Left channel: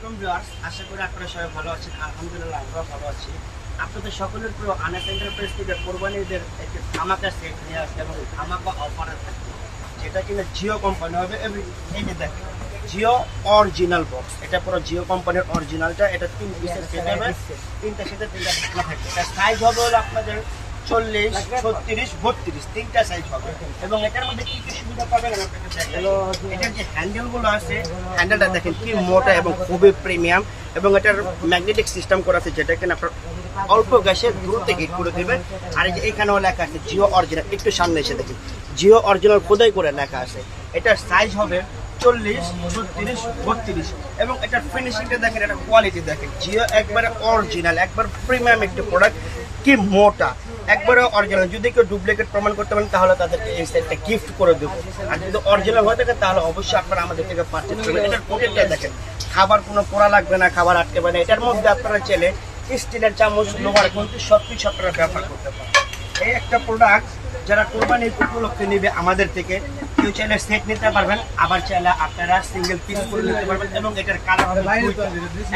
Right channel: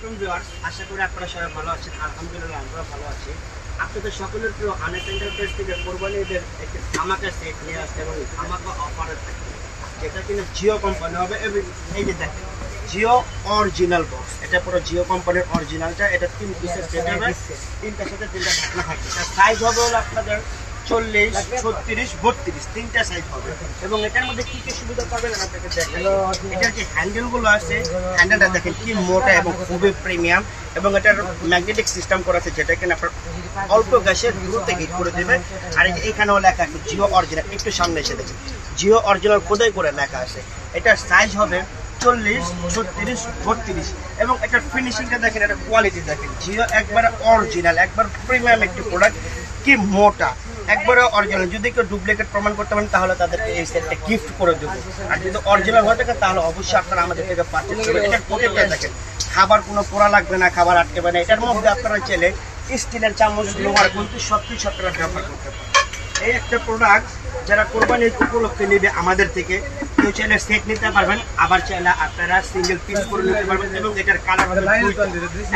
আলাইকুম ভিউয়ার্স, আশা করি আপনারা সবাই ভালো আছেন। আলহামদুলিল্লাহ আমরাও ভালো আছি। আপনাদের সকলের প্রিয় আনেস এন্টারপ্রাইজ থেকে কোরবানি ঈদের একটি ধামাকা সেট নিয়ে আসছে এবং ধামাকা অফারে থাকবে, যেটা কিনা জিও কোম্পানি হবে। এবং এই যে দেখেন জিও অরিজিনাল বক্স, এটা পুরো জিও কোম্পানির অরিজিনালটা। এটা 3 পিসের সেট হবে, 3টার সাথে 3টা ঢাকনা থাকবে। তার সাইজ হবে হলো আপনাদের 40, 36, 32 তিনটা সাইজ হবে। এবং এটার মধ্যে কি কি সুবিধা পাবেন আপনাকে দেখাই। এটার যে হ্যান্ডেলগুলো আছে, হ্যান্ডেলটা দেখেন কি মোটা এবং খুবই প্রিমিয়াম। এবং এটার ম্যাগনেটিক সিস্টেম করা আছে, যেটা কিনা আপনার অল্প গ্যাসে দূর থেকে হিট করে দেবে। আর এই যে এখানেও লেখা আছে জিও অরিজিনাল, একটু সামনে এসে দেখেন জিও অরিজিনাল খোদাই করে লেখা আছে। এটার সাইজ হবে 40, 36, 32 এবং এটার ফিনিশিংটা দেখেন, এটা কোয়ালিটি দেখেন। জিও একবারে অরিজিনাল, একবার প্রিমিয়াম একটি প্রোডাক্ট, কি মোটা, একবারে অরিজিনাল। যদি কেউ ডুপ্লিকেট প্রমাণ করতে পারেন তাহলে তাদেরকে এই সেটটা গিফট করে দেবো। আর যদি অরিজিনাল হয়ে থাকে তাহলে অবশ্যই আপনারা আমাদের থেকে পারচেজ করবেন। এটার পকেটটা দেখেন, খাবার কোনো পোড়া লাগবে না, খাবার আটকে পারে না। এটার মধ্যে আপনারা চাইলে স্টিলের চামচ, লোহার কিন্তু সব কিছু আপনারা ব্যবহার করতে পারেন। এই একটা প্রোডাক্ট যারা কোরবানির উপলক্ষে নেবে আমাদের থেকে, কেউ চাইলে সেট নিতে পারবেন, আবার চাইলে আপনারা সিঙ্গেল পিস করে নিতে পারবেন। এবং এটার কালার হবে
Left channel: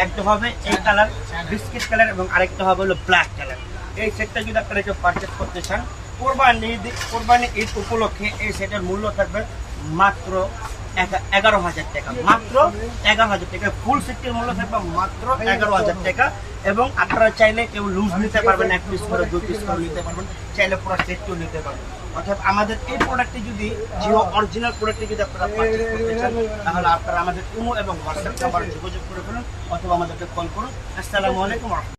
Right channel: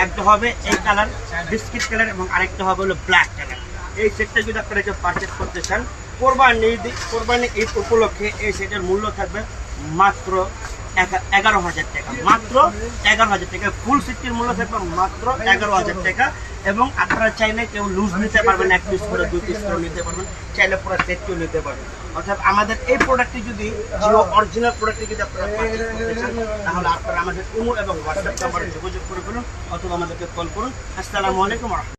একটা হবে এই কালার বিস্কিট কালার এবং আরেকটা হবে হলো ব্ল্যাক কালার। এই সেটটা যদি আপনারা কেউ পারচেস করতে চান কোরবানি ঈদ উপলক্ষে, এই সেটের মূল্য থাকবে মাত্র 11,000 টাকা। মাত্র 11,000 টাকা। ফুল সেটটির মূল্য থাকবে মাত্র 11,000 টাকা। এবং আপনারা চাইলে কেউ লুজ নিতে পারবেন, 1 পিস করে 2 পিস করে নিতে পারবেন, চাইলে পুরো সেটটিও নিতে পারবেন। অর্থাৎ আমাদের এই প্রোডাক্টটি যদি জিও অরিজিনাল প্রোডাক্টটি যদি আপনারা পারচেস করতে চান তাহলে আপনারা আমাদের ইমো এবং হোয়াটসঅ্যাপ নাম্বারে যোগাযোগ করে ফেলুন অথবা আমাদেরকে কল করুন। আসসালামু আলাইকুম।